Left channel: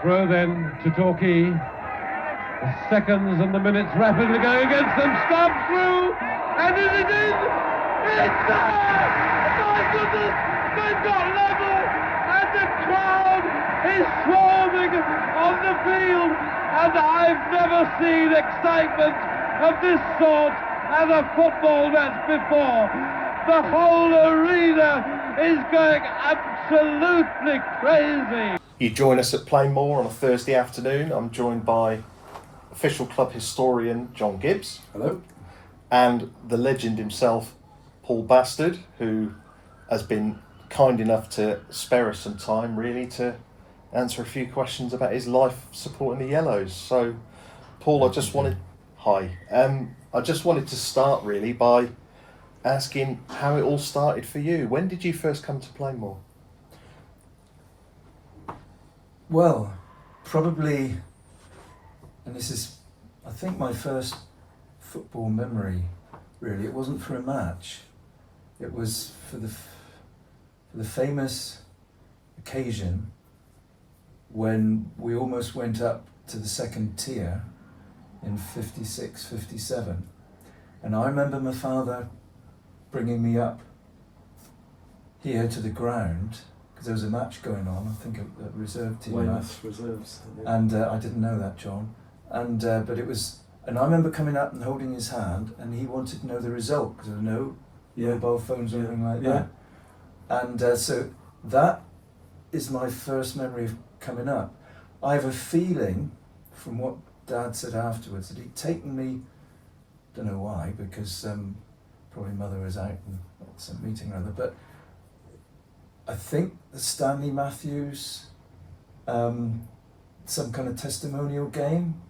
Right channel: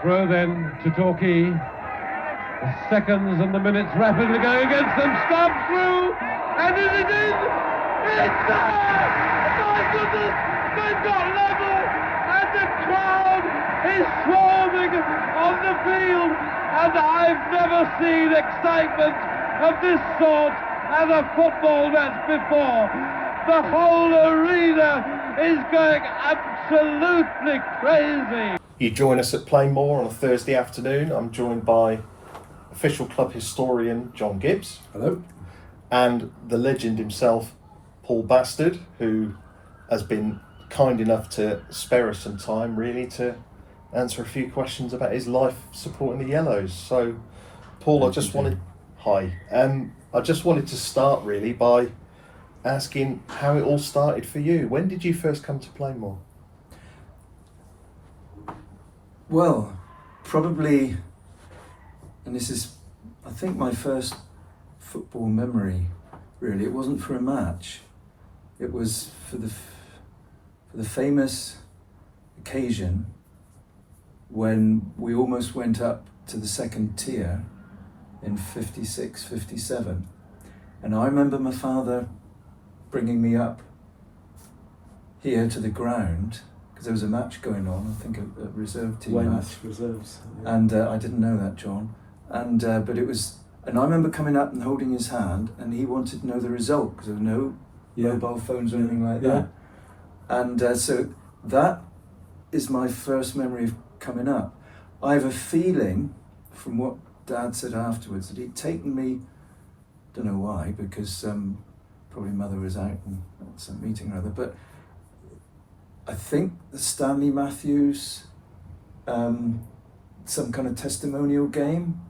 Throw then to Torquay. The seconds and the minutes rapidly going against them. Stubbs through, and is it in? It's there! My goodness, they've got level, and the crowd is swarming on the field, and I've never seen excitement of this sort at a football match before. The whole arena is going absolutely crazy. You join us at Plainmoor on a Thursday afternoon. I'm joined by official club historian John Gibbes. Hello. And the legend himself, Paul Bastard, who has been kind enough to spare us some time really to answer a few questions about his life supporting the Yellows. So Paul, I just wanted to start really by asking how it all started for you. When did you first come to Plainmoor? Well, probably, and this is, I think, my first football memory, really. It wasn't for a match. It was for the famous occasion when we almost went up to the second tier in 56, 57. And I remember my father bringing me up here to the ground, because there was a match going on, I think a reserve team match. Reserves. Yeah. And I didn't know that, John. And but it was, and I remember coming up and holding his hand, and he wanted to know the result because there were no mobile phones or anything like that. And so that is my first memory of coming up. I have a feeling, from what Dad said afterwards, that he'd taken me, don't know why, because probably Mother was out at some meeting or other, but I think the Stanley Matthews, some kind of testimonial game,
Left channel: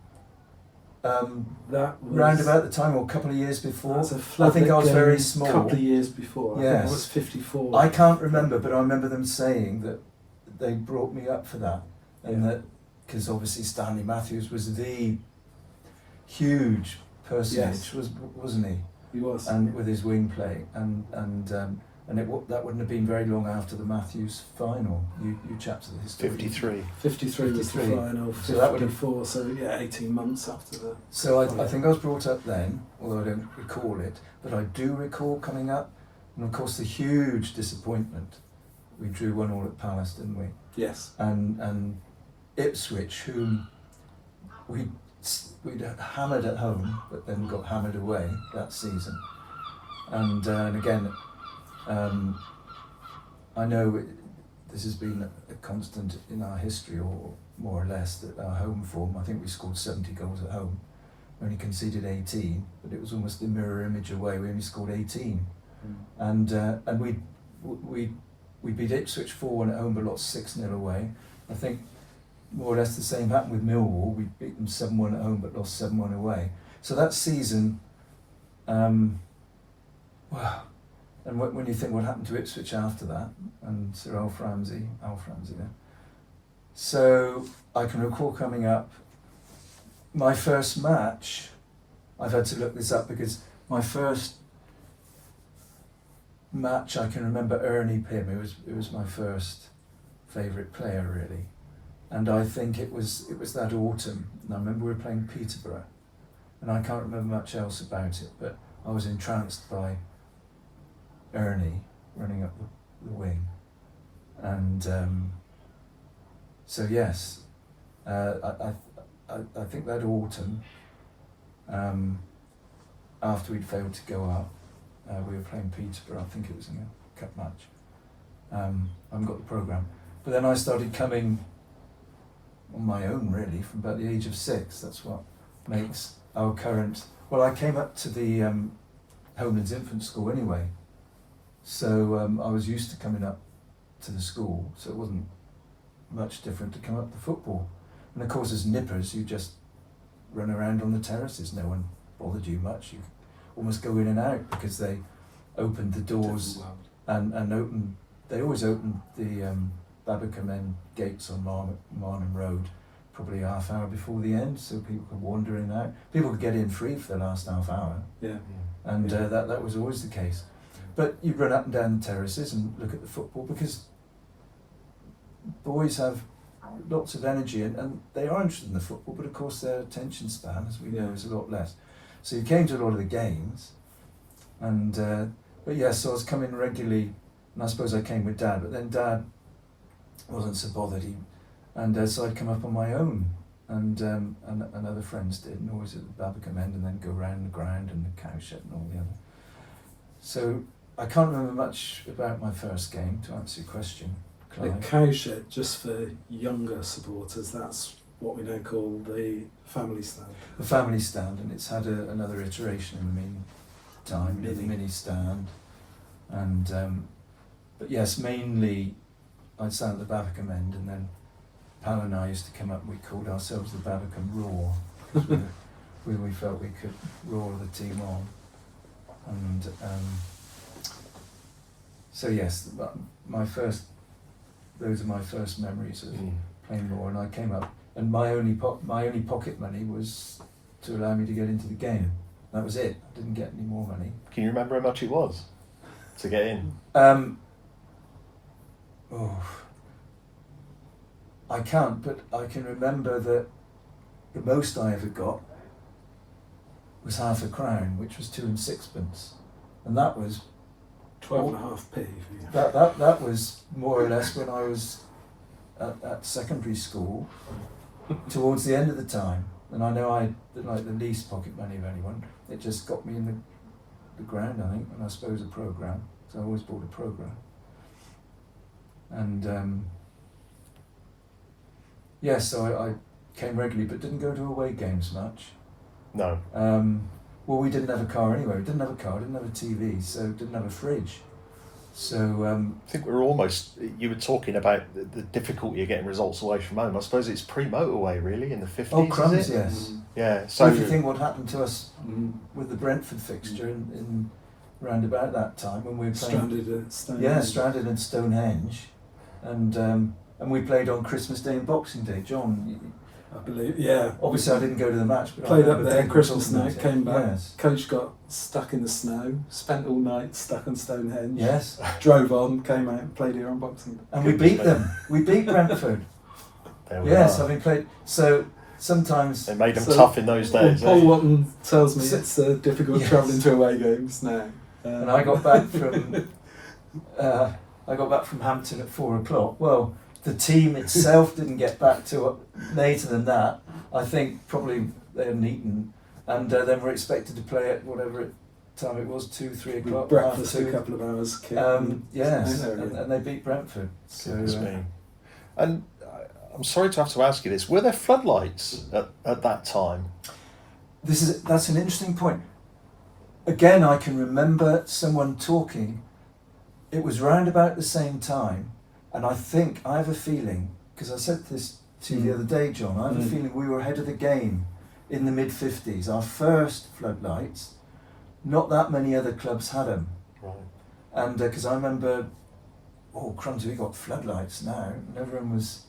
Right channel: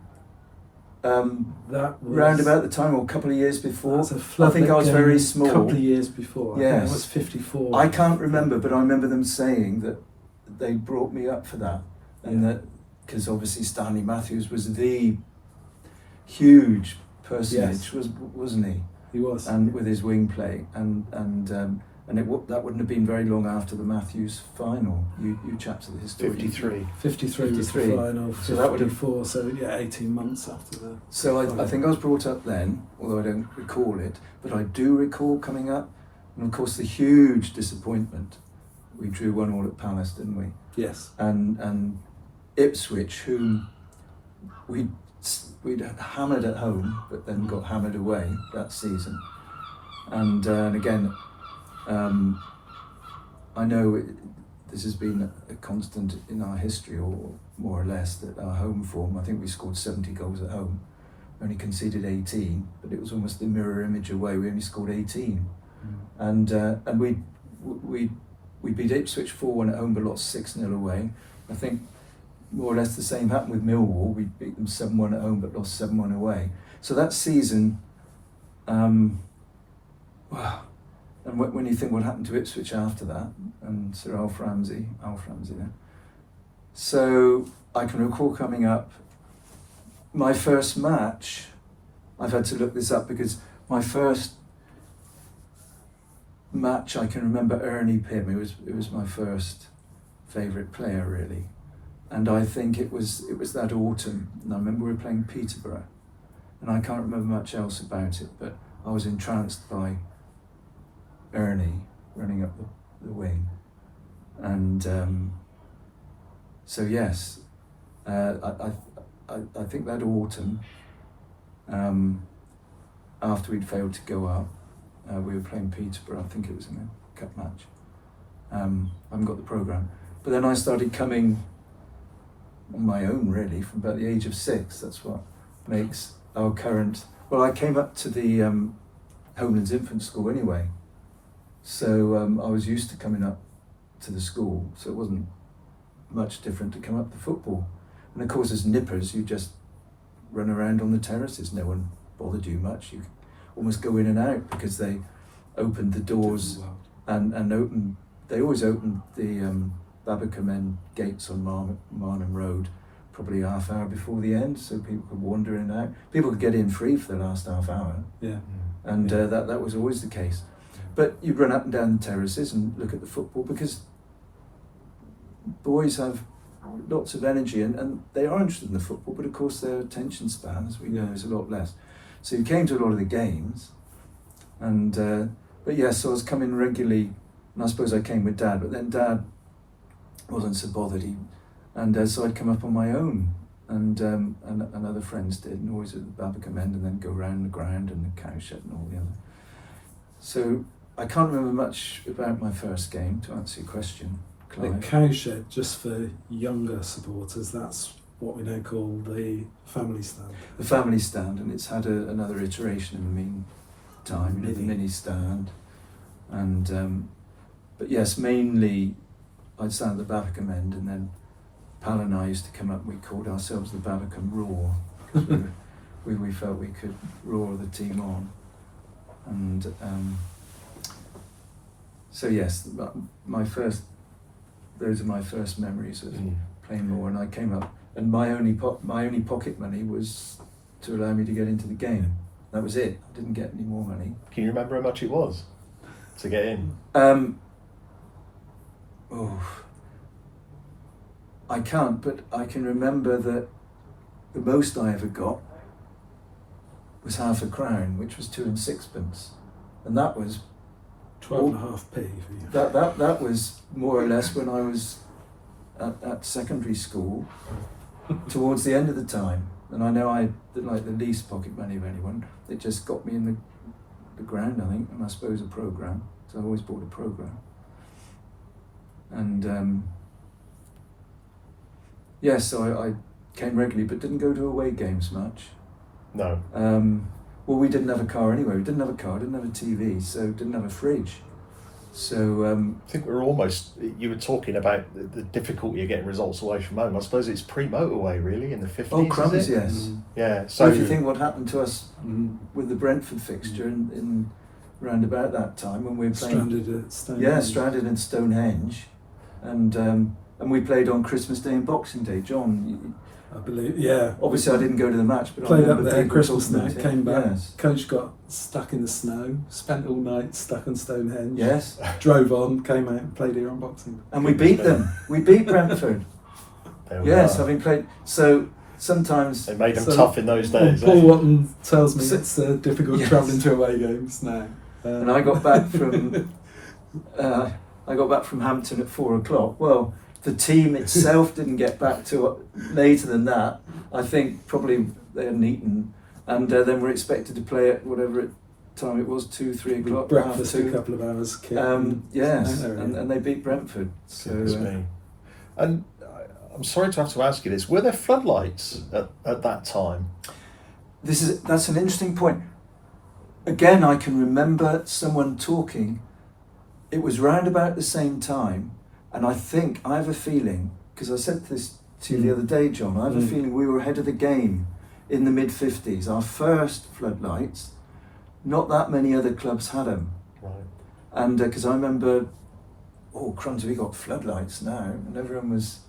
that was round about the time, or a couple of years before. That's a I think I was game very small. A couple of years before. I think Yes. I was 54. I can't remember, but I remember them saying that they brought me up for that, and that because obviously Stanley Matthews was the huge personage, wasn't he? He was. And with his wing play, and that wouldn't have been very long after the Matthews final. You chaps at the historian. 53. 53 was the 53. final. So that would have 54. So yeah, 18 months after the. So I think I was brought up then, although I don't recall it, but I do recall coming up, and of course the huge disappointment. We drew 1-1 at Palace, didn't we? Yes. And Ipswich, whom we'd hammered at home, but then got hammered away that season. And again, I know this has been a constant in our history, or more or less, that our home form. I think we scored 70 goals at home, only conceded 18, but it was almost the mirror image away. We only scored 18, and we beat Ipswich 4-1 at home, but lost 6-0 away. I think more or less the same happened with Millwall. We beat them 7-1 at home, but lost 7-1 away. So that season, well. And when you think what happened to Ipswich after that, and Sir Alf Ramsey, yeah. So I can recall coming up, my first match, I've had to look this up because my first match I can remember Ernie Pym. It was my first favourite player really, and I think it was that autumn. And I remember we were playing Peterborough, and I can't remember much else about it, but I was entranced by Ernie running up the wing, and so yes, I think that autumn, after we'd failed to go up, we were playing Peterborough. I think it was in a cup match. I haven't got the programme, but then I started coming on my own really from about the age of 6. That's what makes our current. Well, I came up to the Homelands Infant School anyway. So I was used to coming up to the school, so it wasn't much different to come up to football. And of course, as nippers, you just run around on the terraces. No one bothered you much. You almost go in and out because they opened the doors and opened. They always opened the Babbacombe End gates on Marnham Road probably a half hour before the end, so people could wander in and out. People could get in free for the last half hour. Yeah. And that was always the case. But you'd run up and down the terraces and look at the football because boys have lots of energy, and they are interested in the football, but of course their attention span, as we know, is a lot less. So you came to a lot of the games, and but yeah, so I was coming regularly, and I suppose I came with Dad, but then Dad wasn't so bothered, so I'd come up on my own, and other friends did, and always at the Babbacombe end, and then go around the ground and the cowshed and all the other. So I can't remember much about my first game, to answer your question, Clive. The cowshed, just for younger supporters, that's what we now call the family stand. The family stand, and it's had another iteration in the meantime, the mini stand, and but yes, mainly I'd stand at the Babbacombe end, and then Pal and I used to come up. We called ourselves the Babbacombe Roar. we felt we could roar the team on, and so yes, those are my first memories of playing more. And I came up, and my only pocket money was to allow me to get into the game. That was it. I didn't get any more money. Can you remember how much it was to get in? I can't, but I can remember that the most I ever got was £0.50, which was 2 6pence, and that was 12.5p for you. That was more or less when I was at secondary school, towards the end of the time. And I know I like the least pocket money of anyone. It just got me in the ground, I think, and I suppose a programme. So I always bought a programme. And so I came regularly, but didn't go to away games much. No. Well, we didn't have a car anyway. We didn't have a car, didn't have a TV, so didn't have a fridge. So I think we're almost. You were talking about the difficulty of getting results away from home. I suppose it's pre-motorway, really, in the 50s. Oh, crumbs, is it? yes. Yeah. So if you think what happened to us with the Brentford fixture in round about that time when we were playing, Stranded at Stonehenge. Yeah, stranded in Stonehenge, and we played on Christmas Day and Boxing Day. John, I believe, yeah. Obviously, I didn't go to the match, but Played I up there Christmas night, came back. Yes. Coach got stuck in the snow, spent all night stuck on Stonehenge. Yes. Drove on, came out, and played here on Boxing Day. And we beat them. We beat Brentford. Yes, are. having played. So sometimes They made them tough in those days. Paul Watton tells me So- it's difficult Yes. travelling to away games now. And I got back from Hampton at 4:00. Well, the team itself didn't get back to later than that. I think probably they hadn't eaten, and then we're expected to play at whatever time it was, 2, 3 o'clock. Breakfast half a 2. couple of hours. Yes, No, really. and they beat Brentford. So And I'm sorry to have to ask you this: were there floodlights at that time? that's an interesting point. Again, I can remember someone talking. It was round about the same time, and I have a feeling, because I said this to you the other day, John, I have a feeling we were ahead of the game in the mid-50s. Our first floodlights, not that many other clubs had them. Right. And because I remember, crumbs, we got floodlights now, and everyone was...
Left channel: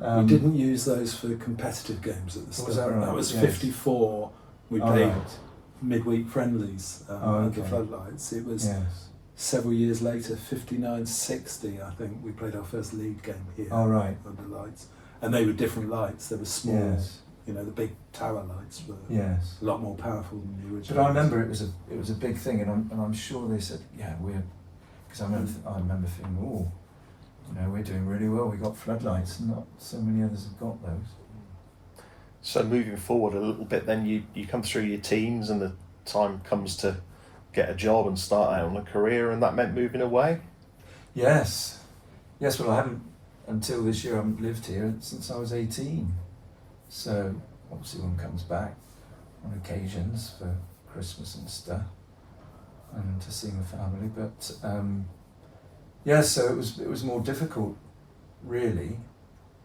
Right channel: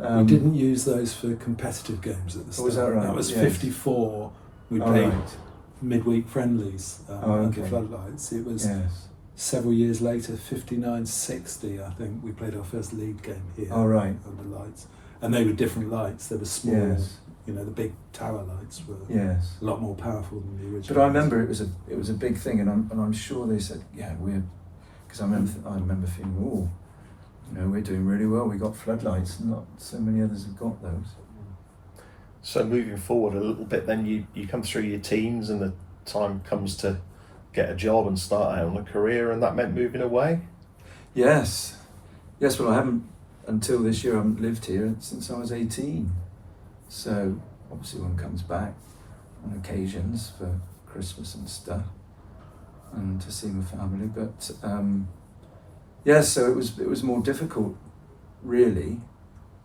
we didn't use those for competitive games at the start. Was that right? That was Yes. 54. We played right. midweek friendlies under okay. floodlights. It was Yes. several years later, 59-60, I think, we played our first league game here Oh, right. under lights. And they were different lights. They were small, Yes. the big tower lights were Yes. a lot more powerful than the original. But I remember it was a big thing, and I'm sure they said, yeah, because I remember thinking, we're doing really well. We got floodlights, not so many others have got those. So moving forward a little bit, then you come through your teens, and the time comes to get a job and start out on a career, and that meant moving away. Yes. Well, I haven't until this year. I haven't lived here since I was 18. So obviously, one comes back on occasions for Christmas and stuff, and to seeing the family. But so it was more difficult, really.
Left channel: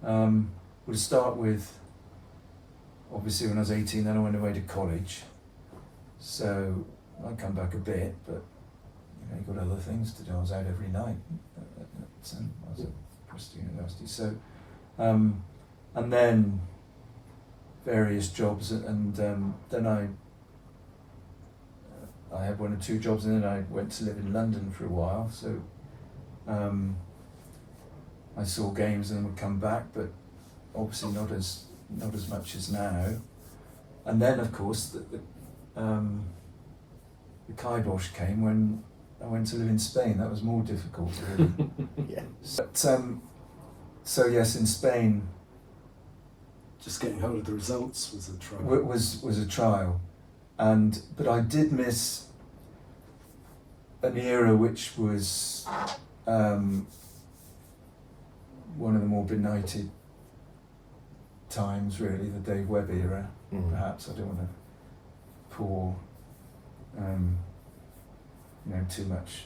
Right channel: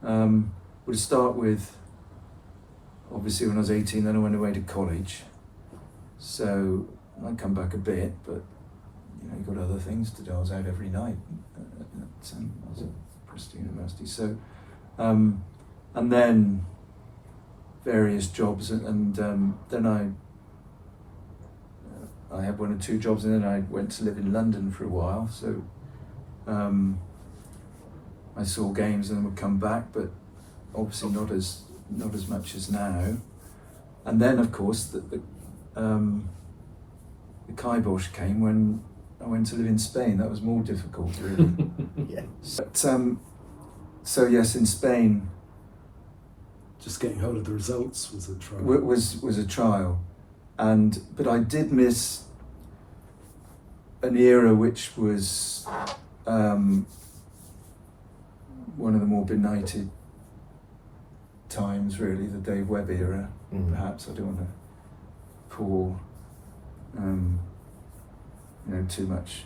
We'll start with, obviously, when I was 18, then I went away to college. So I come back a bit, but you've got other things to do. I was out every night at Bristol University. So, and then various jobs, and then I had 1 or 2 jobs, and then I went to live in London for a while. So I saw games and then would come back, but obviously not as much as now. And then, of course, the kibosh came when I went to live in Spain. That was more difficult, really. Yeah. So yes, in Spain, Just getting hold of the results was a trial. was a trial, but I did miss an era which was one of the more benighted times, really, the Dave Webb era. Perhaps I don't want to pour too much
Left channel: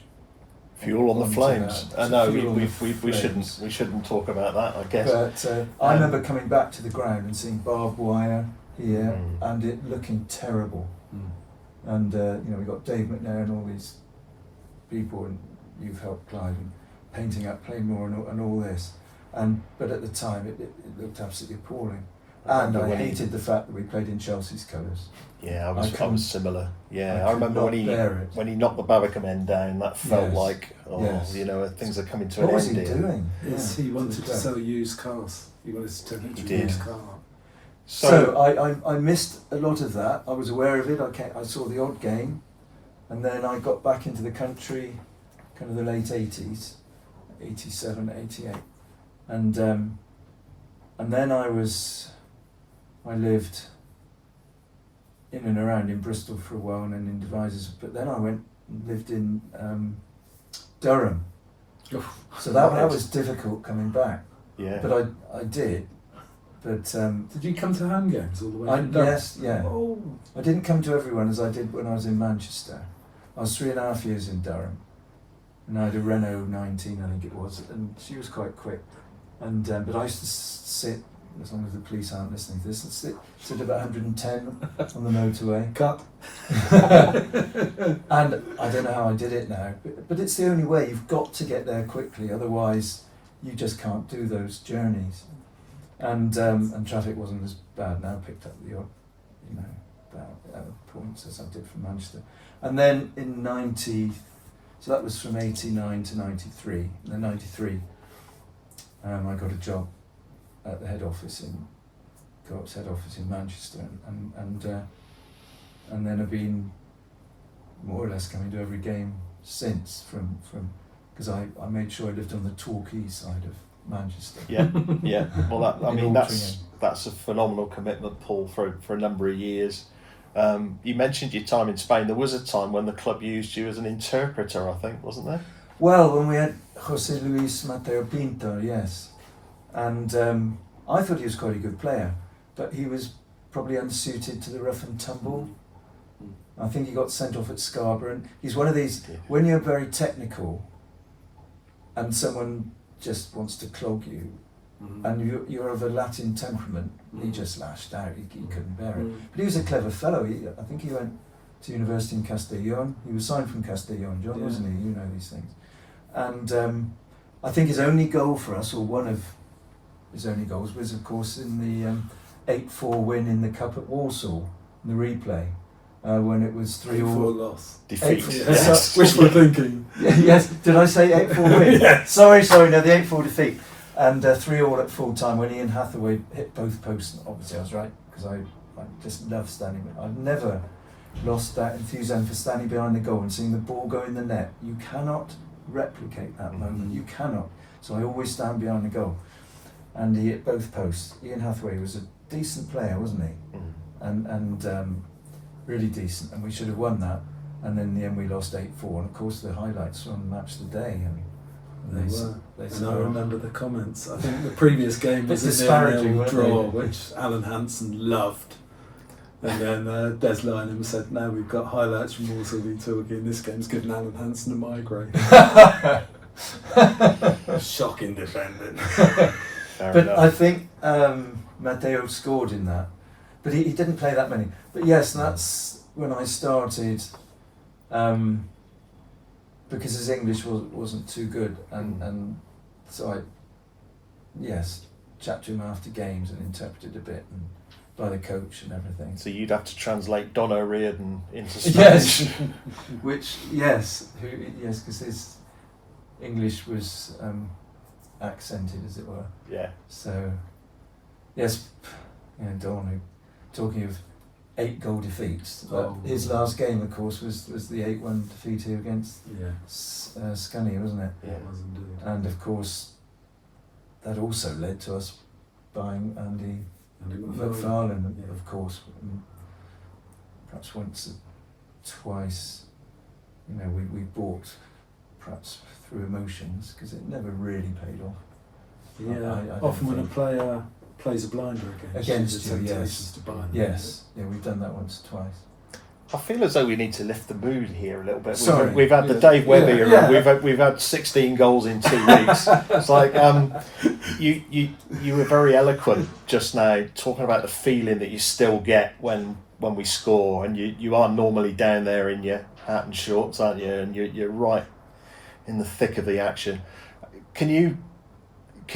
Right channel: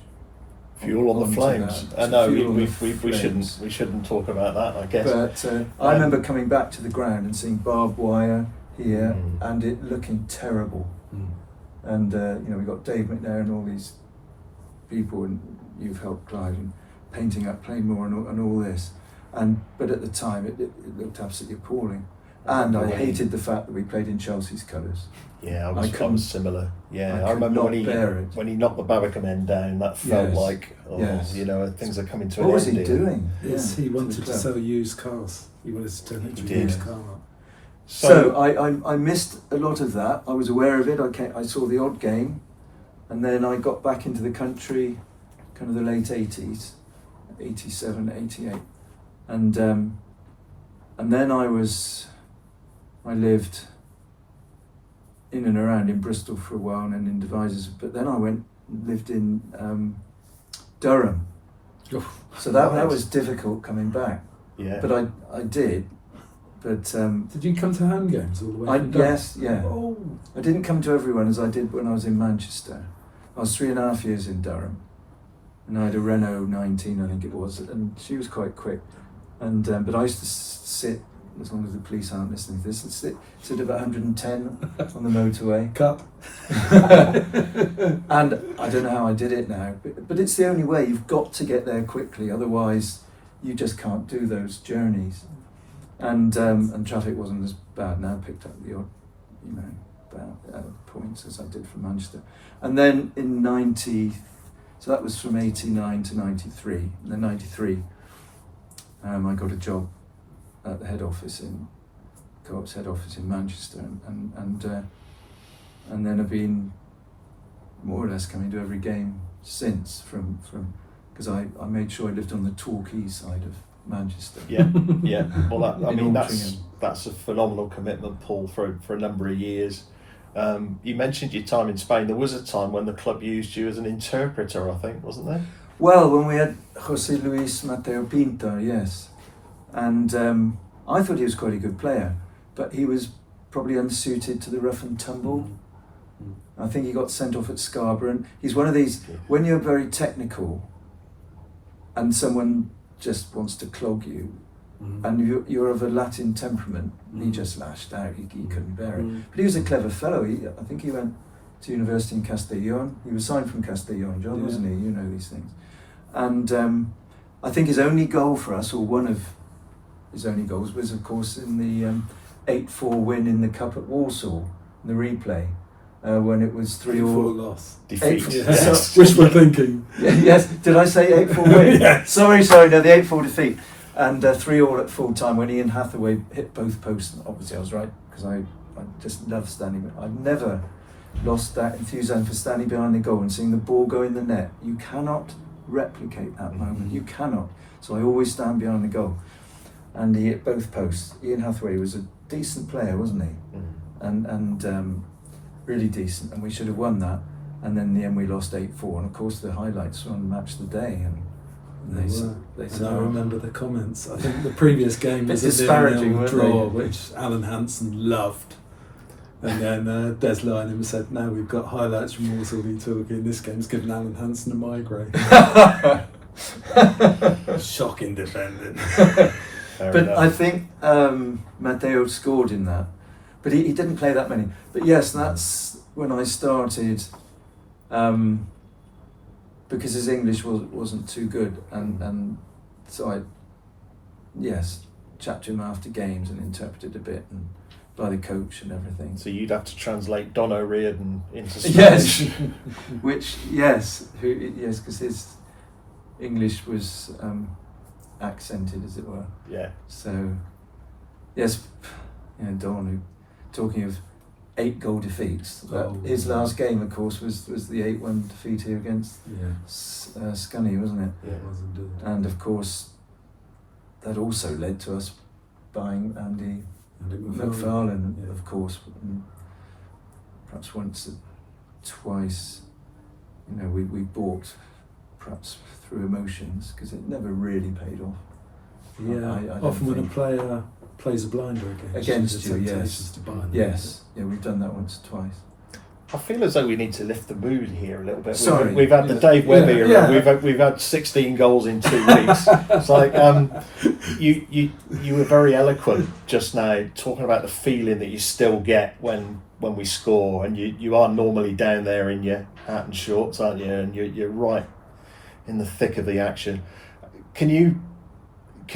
Fuel on the onto flames. that. No, Fuel on we the flames. shouldn't talk about that, I guess. But I remember coming back to the ground and seeing barbed wire here and it looking terrible. And we got Dave McNair and all these people, and you've helped Clive in painting up Plainmoor and all this. But at the time it looked absolutely appalling. And I hated the fact that we played in Chelsea's colours. Yeah, I was similar. Yeah, I remember when he knocked the Barbican end down. That felt like, things are coming to an end. What was he doing? He wanted to sell used cars. He wanted to turn it into a used car. So I missed a lot of that. I was aware of it. I saw the odd game, and then I got back into the country, kind of the late 80s, 87, 88, and then I lived in and around in Bristol for a while and in Devizes, but then I went and lived in Durham. So that was difficult coming back. Yeah. But I did. But did you come to home games all the way from Durham? Yes, yeah. Oh. I didn't come to everyone as I did when I was in Manchester. I was 3.5 years in Durham, and I had a Renault 19, I think it was, and she was quite quick. And but I used to sit, as long as the police aren't listening to this, sit at about 110 on the motorway. Cut. And I don't know how I did it now, but it's the only way. You've got to get there quickly, otherwise you just can't do those journeys. And traffic wasn't as bad now. Picked up the odd, points as I did from Manchester. And then in 90, so that was from 89 to 93. And then 93, I got a job at the head office Co-op's head office in Manchester, and then I've been more or less coming to every game since, from because I made sure I lived on the Torquay side of Manchester. Yeah. Well, that's a phenomenal commitment, Paul, for a number of years. You mentioned your time in Spain. There was a time when the club used you as an interpreter, I think, wasn't there? Well, when we had José Luis Mateo Pinto, yes, and I thought he was quite a good player, but he was probably unsuited to the rough and tumble. I think he got sent off at Scarborough, and he's one of these, when you're very technical and someone just wants to clog you, and you're of a Latin temperament, he just lashed out, he couldn't bear it. But he was a clever fellow. I think he went to university in Castellón. He was signed from Castellón, John, wasn't he? You know these things. And I think his only goal for us, or one of his only goals, was of course in the 8-4 win in the Cup at Walsall, the replay, when it was 3-4 loss. Defeat. Yes. Wishful thinking. Yes, did I say 8-4 win? Yes. Sorry, no, the 8-4 defeat. And 3-3 at full time when Ian Hathaway hit both posts. Obviously I was right, because I just love standing. I've never lost that enthusiasm for standing behind the goal and seeing the ball go in the net. You cannot replicate that moment, you cannot. So I always stand behind the goal. And he hit both posts. Ian Hathaway was a decent player, wasn't he? And really decent, and we should have won that. And then in the end we lost 8-4, and of course the highlights were on Match of the Day, and They I remember the comments. I think the previous game was a 0-0 draw, which Alan Hansen loved. And then Des Lynham said, "Now we've got highlights from Walsall v Torquay, and this game's given Alan Hansen a migraine." Shocking defending. But I think Mateo scored in that, but he didn't play that many. But yes, that's when I started, because his English wasn't too good, and so I chatted to him after games and interpreted a bit, and by the coach and everything. So you'd have to translate Don O'Riordan into Spanish. Yes, because his English was accented, as it were. Yeah. So, Yes, Dawn, talking of 8-goal defeats. His last game, of course, was the 8-1 defeat here against Scunny, wasn't it? Yeah, it was indeed. And of course, that also led to us buying Andy McFarlane, of course. And perhaps once or twice, we bought perhaps through emotions, because it never really paid off. Yeah, I often when a player plays a blinder against you, yes. To buy them. Yes, we've done that once or twice. I feel as though we need to lift the mood here a little bit. Sorry. We've had the Dave Webber era. We've had 16 goals in 2 weeks. It's like you were very eloquent just now, talking about the feeling that you still get when we score, and you are normally down there in your hat and shorts, aren't you? And you're right in the thick of the action. Can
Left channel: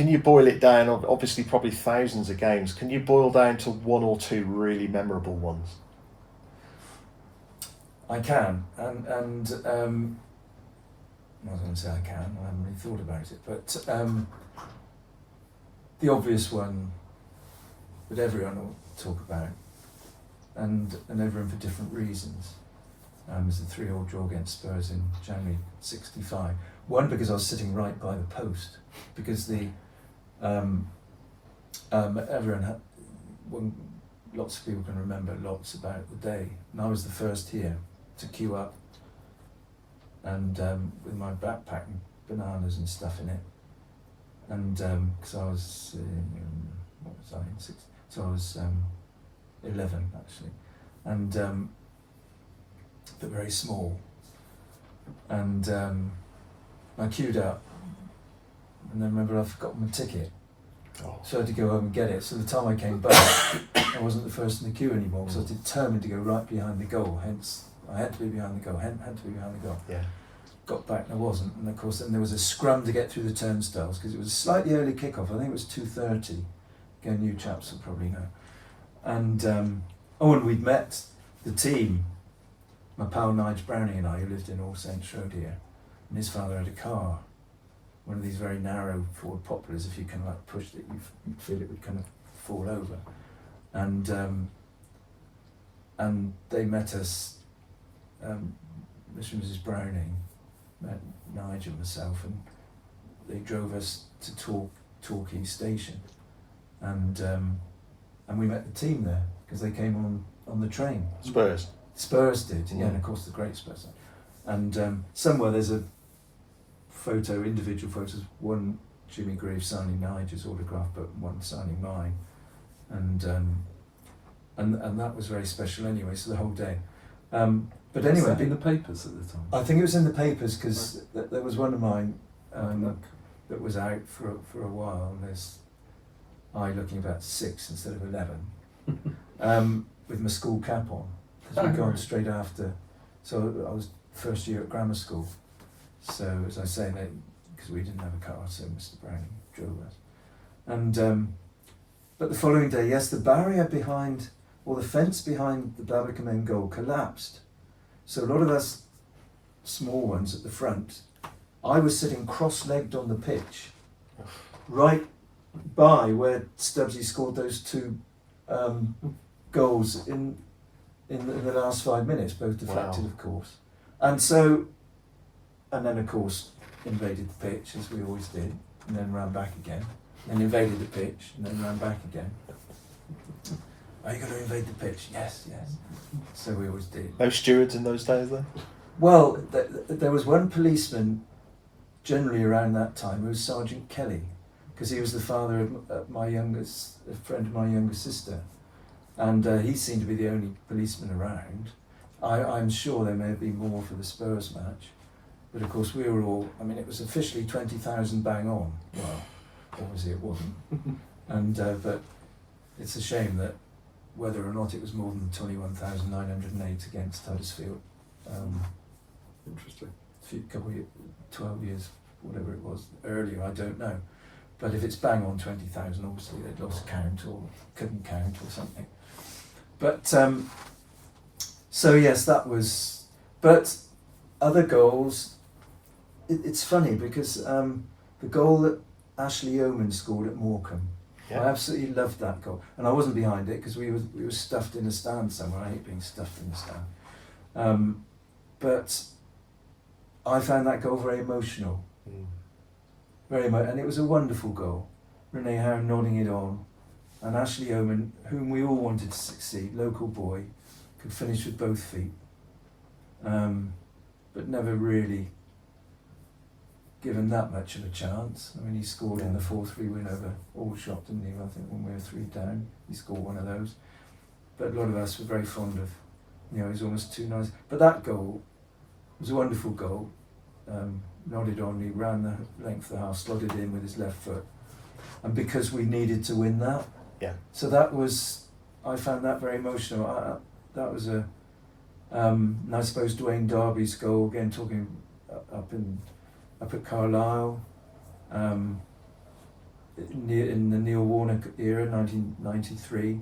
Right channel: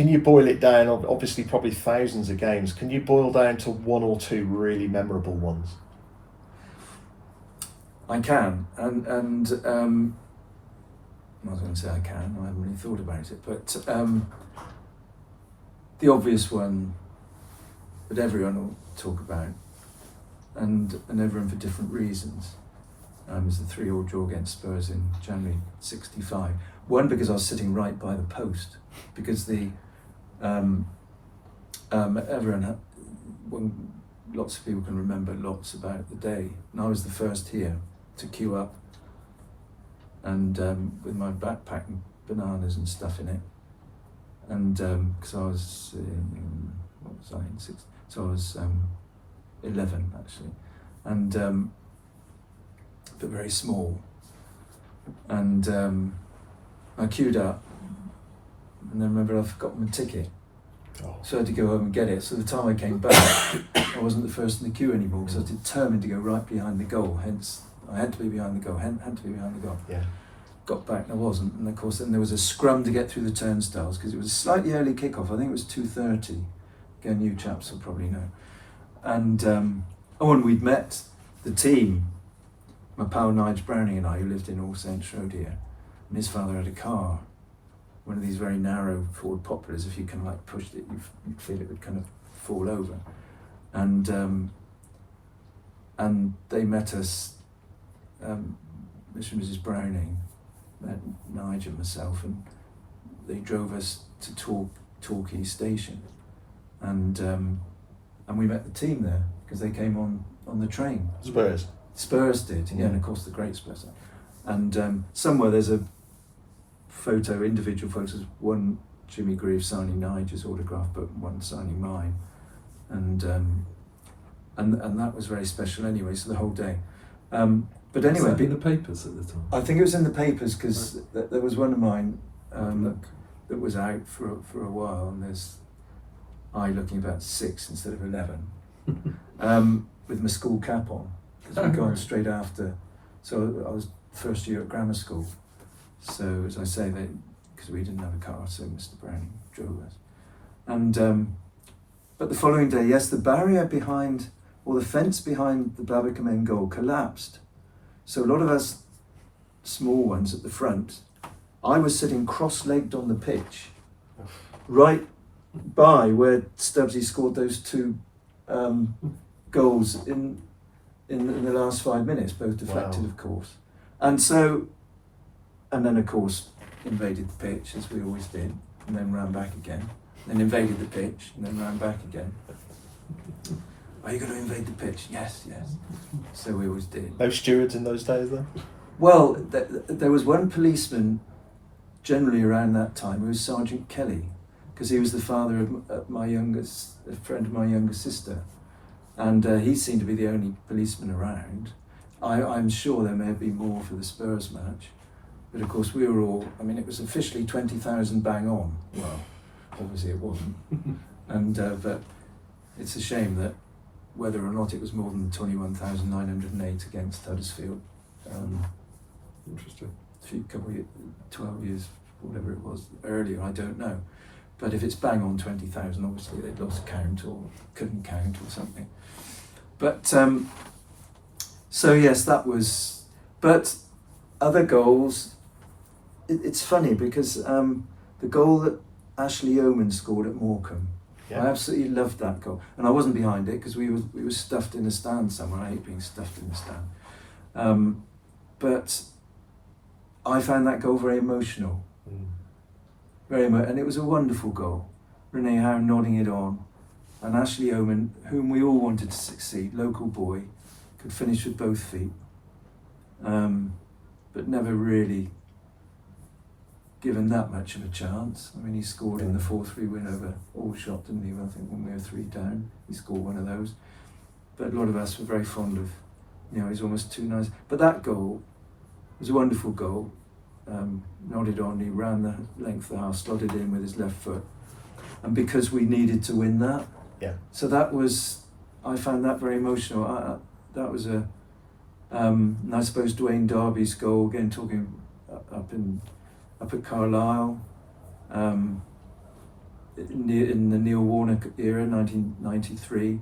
you boil it down? Obviously, probably thousands of games. Can you boil down to one or two really memorable ones? I can, and I was going to say I can. I haven't really thought about it, but the obvious one that everyone will talk about, and everyone for different reasons, is the 3-3 draw against Spurs in January '65. One, because I was sitting right by the post, because lots of people can remember lots about the day, and I was the first here to queue up, and with my backpack and bananas and stuff in it, and because I was what was I in 6? So I was 11 actually, and but very small, and I queued up, and then remember I forgot my ticket. So I had to go home and get it. So the time I came back, I wasn't the first in the queue anymore, because I was determined to go right behind the goal. Hence, I had to be behind the goal. Had to be behind the goal. Yeah. Got back and I wasn't. And of course, then there was a scrum to get through the turnstiles, because it was a slightly early kick-off. I think it was 2:30. Again, you chaps will probably know. And and we'd met the team. My pal Nigel Browning and I, who lived in All Saints Road here, and his father had a car. One of these very narrow Ford Poplars. If you kind of like pushed it, you'd feel it would kind of fall over. And they met us, Mr. and Mrs. Browning, met Nigel and myself, and they drove us to Torquay station, and we met the team there, because they came on the train. Spurs did, yeah, and of course the great Spurs. And somewhere there's a individual photos, one Jimmy Greaves signing Nigel's autograph, but one signing mine, and that was very special anyway. So the whole day, but anyway, was that in the papers at the time? I think it was in the papers, because there was one of mine that was out for a while, and there's I looking about 6 instead of 11, with my school cap on, because we'd gone straight after. So I was first year at grammar school. So as I say, because we didn't have a car, so Mr. Browning drove us. And but the following day, yes, the barrier behind, or the fence behind the Babbacombe end goal collapsed. So a lot of us small ones at the front, I was sitting cross-legged on the pitch, right by where Stubbsy scored those 2 goals in the last 5 minutes, both deflected, of course. And then, of course, invaded the pitch, as we always did, and then ran back again. Then invaded the pitch, and then ran back again. Are you going to invade the pitch? Yes. So we always did. No stewards in those days, though? Well, there was one policeman, generally around that time, who was Sergeant Kelly, because he was the father of a friend of my younger sister. And he seemed to be the only policeman around. I'm sure there may have been more for the Spurs match. But of course we were all, it was officially 20,000 bang on. Well, obviously it wasn't. And but it's a shame that whether or not it was more than 21,908 against Huddersfield. Interesting. Couple of 12 years, whatever it was, earlier, I don't know. But if it's bang on 20,000, obviously they'd lost count or couldn't count or something. But so yes, that was. But other goals. It's funny because the goal that Ashley Yeoman scored at Morecambe, I absolutely loved that goal, and I wasn't behind it because we were stuffed in the stand somewhere. I hate being stuffed in the stand, but I found that goal very emotional, and it was a wonderful goal. Renee Howe nodding it on, and Ashley Oman, whom we all wanted to succeed, local boy, could finish with both feet, but never really given that much of a chance. I mean, he scored in the 4-3 win over Aldershot, didn't he? I think when we were 3 down, he scored one of those. But a lot of us were very fond of, he was almost too nice. But that goal was a wonderful goal. Nodded on, he ran the length of the half, slotted in with his left foot. And because we needed to win that, so that was, I found that very emotional. That was a, I suppose Dwayne Darby's goal, again talking up at Carlisle, in the Neil Warnock era, 1993,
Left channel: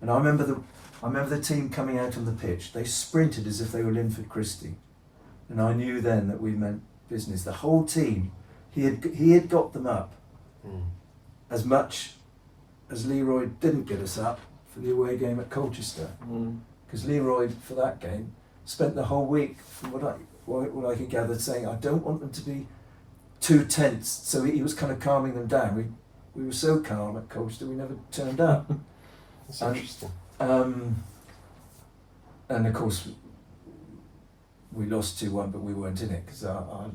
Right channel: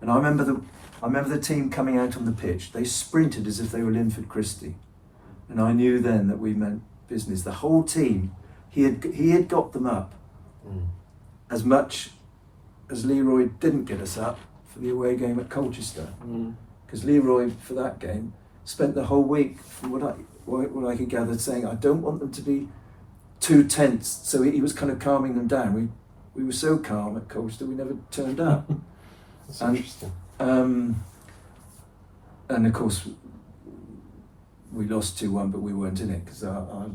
and I remember the team coming out on the pitch. They sprinted as if they were Linford Christie, and I knew then that we meant business. The whole team, he had got them up, as much as Leroy didn't get us up for the away game at Colchester, because Leroy for that game spent the whole week, from what I could gather, saying, I don't want them to be too tense. So he was kind of calming them down. We were so calm at Colchester, we never turned up. That's interesting. And of course, we lost 2-1, but we weren't in it because our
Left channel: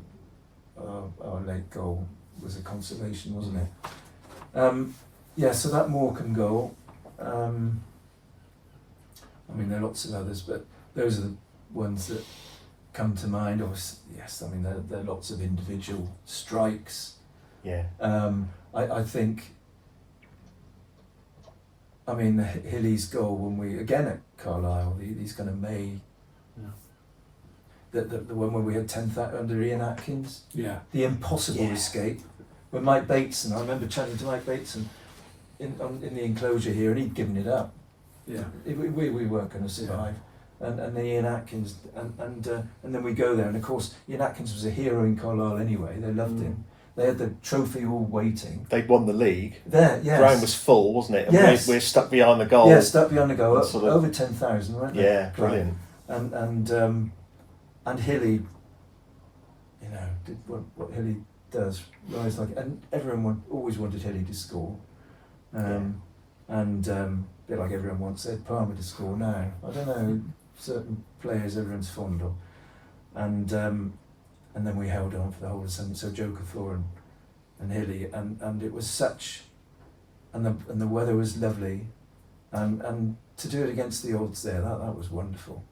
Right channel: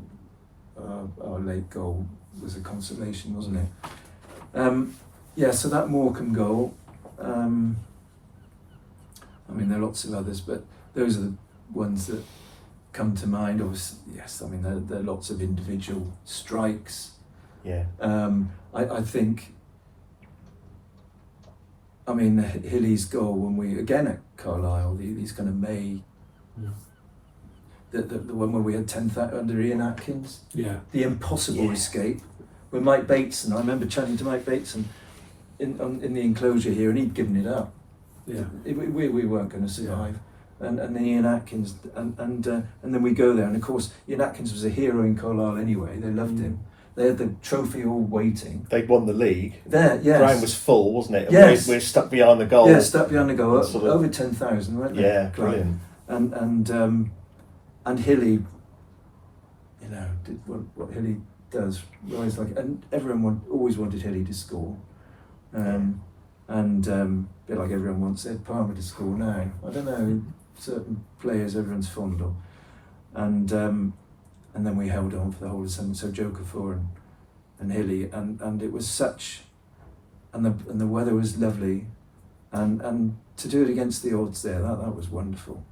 late goal was a consolation, wasn't it? So that Morecambe goal. I mean, there are lots of others, but those are the ones that come to mind. Obviously, yes, I mean, there are lots of individual strikes. Yeah. I think, I mean, Hilly's goal when we, again at Carlisle, these kind of May, the one where we had 10th under Ian Atkins, the impossible escape, with Mike Bateson. I remember chatting to Mike Bateson in the enclosure here, and he'd given it up. We weren't going to survive. And then Ian Atkins, and then we go there, and of course Ian Atkins was a hero in Carlisle anyway. They loved him. They had the trophy all waiting. They'd won the league. There, yes. Ground was full, wasn't it? And yes. we're stuck behind the goal. Yeah, stuck behind the goal. Over 10,000, weren't they? Yeah, brilliant. And Hilly, did what Hilly does, rise like, and everyone always wanted Hilly to score. And a bit like everyone wants Ed Palmer to score now. I don't know, certain players everyone's fond of. And then we held on for the whole of the summer. So Joe Cathor and Hilly, and it was such, and the weather was lovely, and to do it against the odds there, that was wonderful.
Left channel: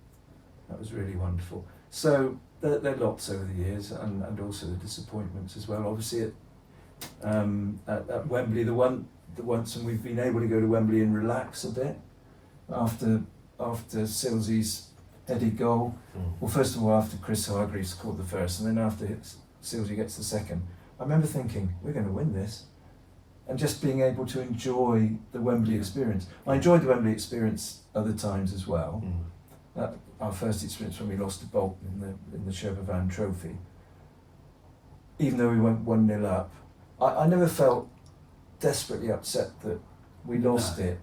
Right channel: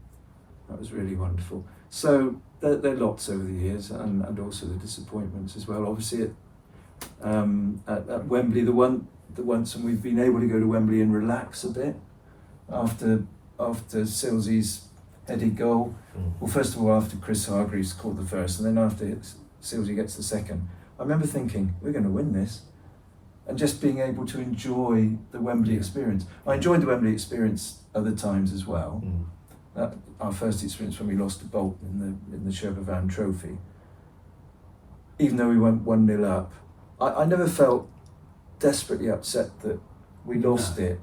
That was really wonderful. So there are lots over the years, and also the disappointments as well. Obviously at Wembley, the once when we've been able to go to Wembley and relax a bit after Silsey's headed goal. Well, first of all, after Chris Hargreaves scored the first, and then after Silsey gets the second, I remember thinking, we're going to win this, and just being able to enjoy the Wembley experience. I enjoyed the Wembley experience other times as well. Our first experience when we lost to Bolton in the Sherpa Van Trophy, even though we went 1-0 up, I never felt desperately upset that we lost it.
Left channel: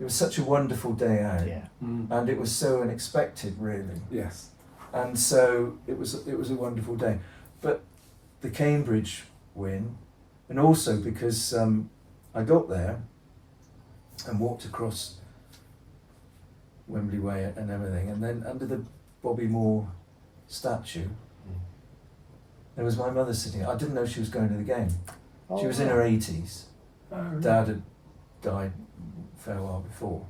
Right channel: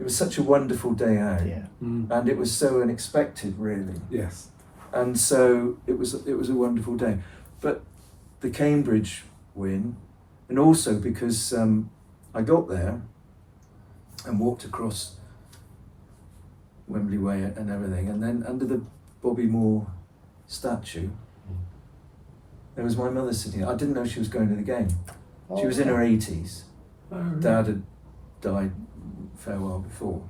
It was such a wonderful day out, and it was so unexpected, really. Yes. And so it was a wonderful day. But the Cambridge win, and also because I got there and walked across Wembley Way and everything, and then under the Bobby Moore statue, there was my mother sitting. I didn't know she was going to the game. She was in her 80s. Dad had died a fair while before,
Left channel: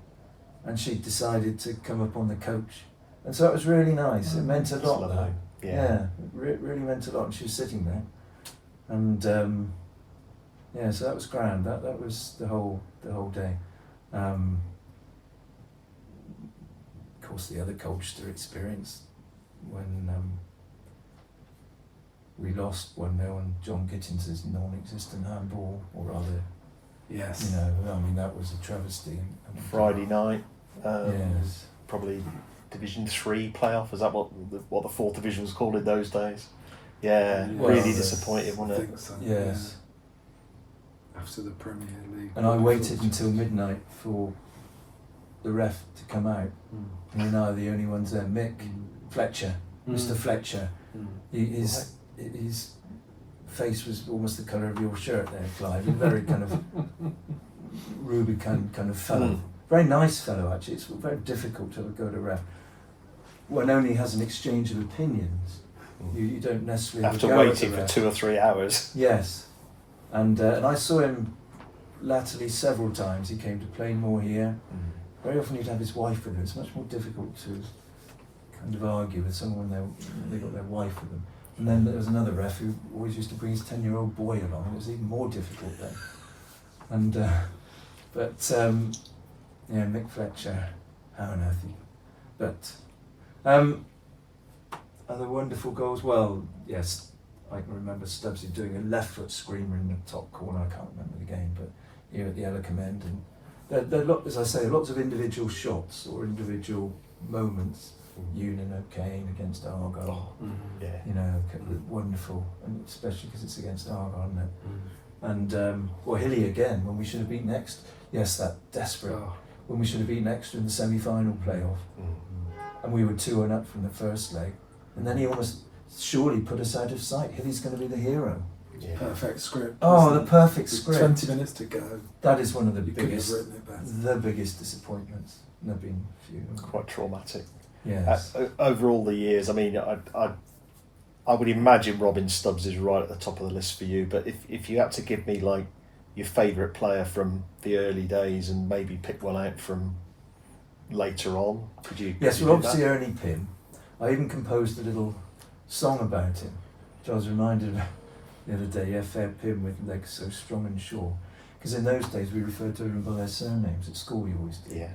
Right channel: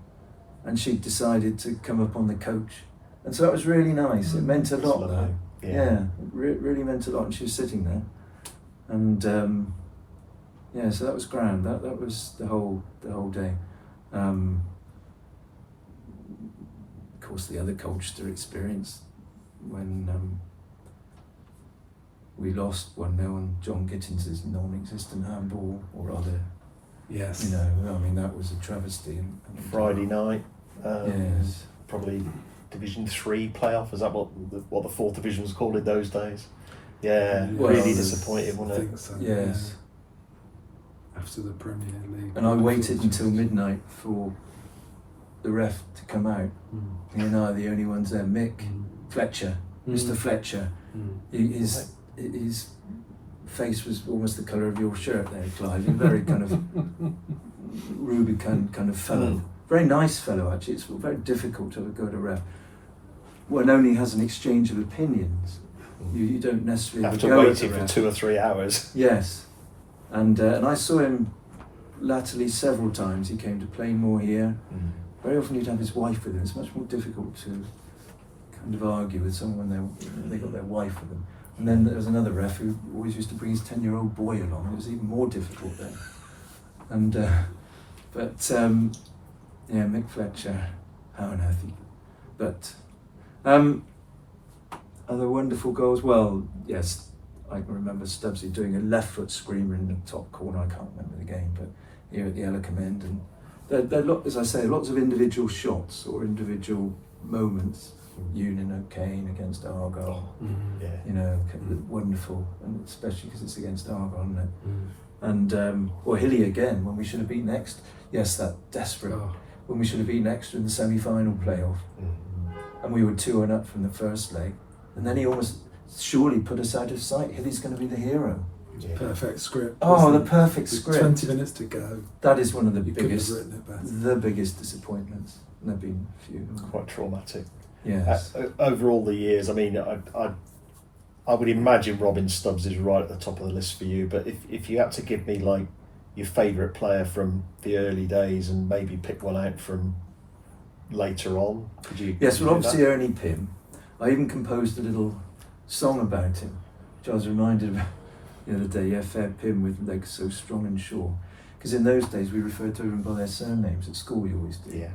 and she decided to come up on the coach, and so it was really nice. It meant a lot, though. It really meant a lot, and she was sitting there, and so that was grand. That was the whole day. Of course, the other Colchester experience when we lost 1-0 and John Gittins' non-existent handball, or rather. Yes. I mean, that was a travesty. Friday night, yes. Probably Division 3 playoff. Is that what the fourth division was called in those days? Yeah, really disappointed, wasn't it? So, yes. Yeah. after the Premier League. And I waited until midnight for the ref to come out. You and I are the only ones there. Mick Fletcher, Mr. Fletcher. His face was almost the colour of your shirt there, Clive. You're very kind of Rubicund kind of fellow. Very nice fellow, actually. It's very difficult to go at a ref. One only has an exchange of opinions. You don't necessarily after waiting for 2 or 3 hours. Yes, and I saw him latterly several times. He came to Plainmoor here. Very often he'd have his wife with him. It's much more difficult to kind of argue with someone when they got their wife with them. And then there was another ref who always used to bring his 10-year-old boy along. It was even more difficult then. And yeah, Mick Fletcher, how on earth he... But other wonderful goals. Well, yes, I can remember Stubbsy doing a left foot screamer in the top corner. I can't remember the game, but here at the Ellicombe end. And there are, as I say, lots of individual shots or individual moments. Union O'Kane against Argyle, you know, wonderful, and especially because it's against Argyle, isn't it? And or Hilly again when we should have been next. Yes, that desperate when we should have been extra in the semi-final playoff, and we were 2-1 up from the first leg, and then he almost surely put us out of sight. Hilly's going to be the hero. Perfect script. Oh, the perfect script. 20 minutes to go. That is one of the You biggest, written it better. the biggest disappointments. And there've been a few. Quite traumatic. Yes. Over all the years, I mean, I would imagine Robin Stubbs is right at the top of the list for you. But if you had to give me like your favourite player from the early days and maybe pick one out from later on, could you? Yes, could well, you do obviously that? Ernie Pym. I even composed a little song about him, which I was reminded of the other day. Yeah, Fair Pym with legs so strong and sure. Because in those days we referred to them by their surnames at school. We always did. Yeah.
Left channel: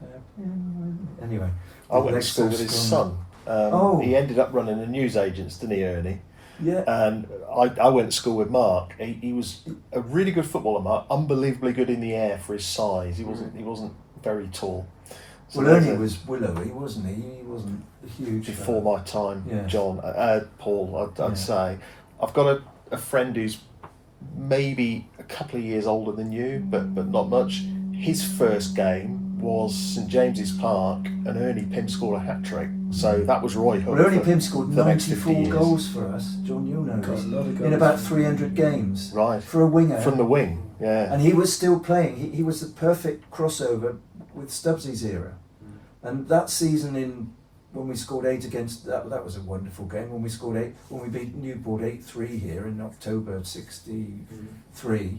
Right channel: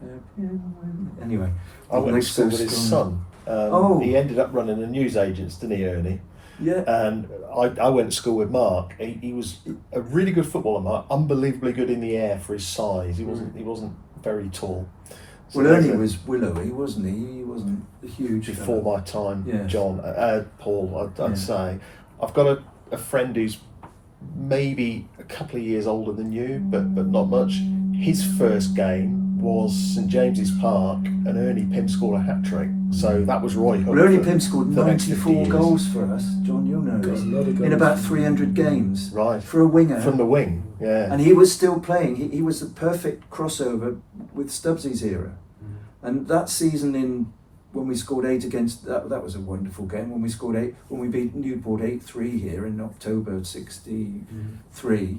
Fair Pym. Anyway, I went to legs school so with his strong. son. He ended up running a newsagents, didn't he, Ernie? Yeah. And I went to school with Mark. He was a really good footballer, Mark. Unbelievably good in the air for his size. He wasn't very tall. So Well, Ernie was willowy, wasn't he? He wasn't a huge. before my time, Yeah. John, Paul. I'd Yeah. say I've got a friend who's maybe a couple of years older than you, but not much. His first game was St James's Park, and Ernie Pym scored a hat-trick. So that was Roy Hunt. Well, Ernie for Pym scored the next 50 94 years. goals for us. John, you'll know Got this. a lot of goals. In about 300 games. Right. For a winger. From the wing, yeah. And he was still playing. He was the perfect crossover with Stubbsy's era. And that season when we scored 8 against, that was a wonderful game. When we scored 8, when we beat Newport 8-3 here in October '63.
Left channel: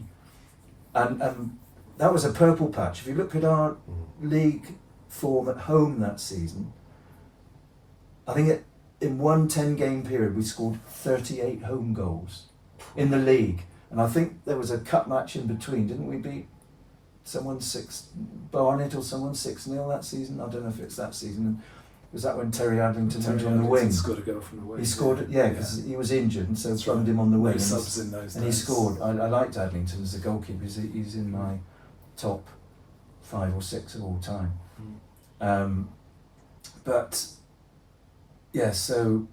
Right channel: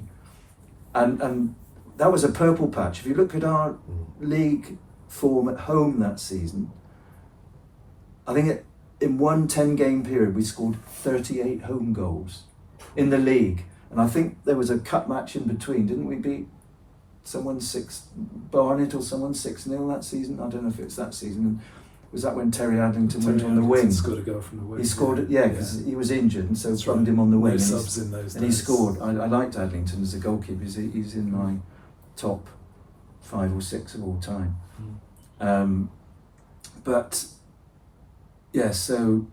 And that was a purple patch. If you look at our league form at home that season, I think in one 10-game period we scored 38 home goals in the league. And I think there was a cup match in between. Didn't we beat someone Barnet or someone 6-0 that season? I don't know if it's that season. Was that when Terry Adlington went on the wing? He scored a goal from the wing. He scored it, yeah, because he was injured, so That's plumbed right. him on the wing. No and subs in those and he days. scored. I liked Adlington as a goalkeeper. He's in my top 5 or 6 of all time. But yeah, so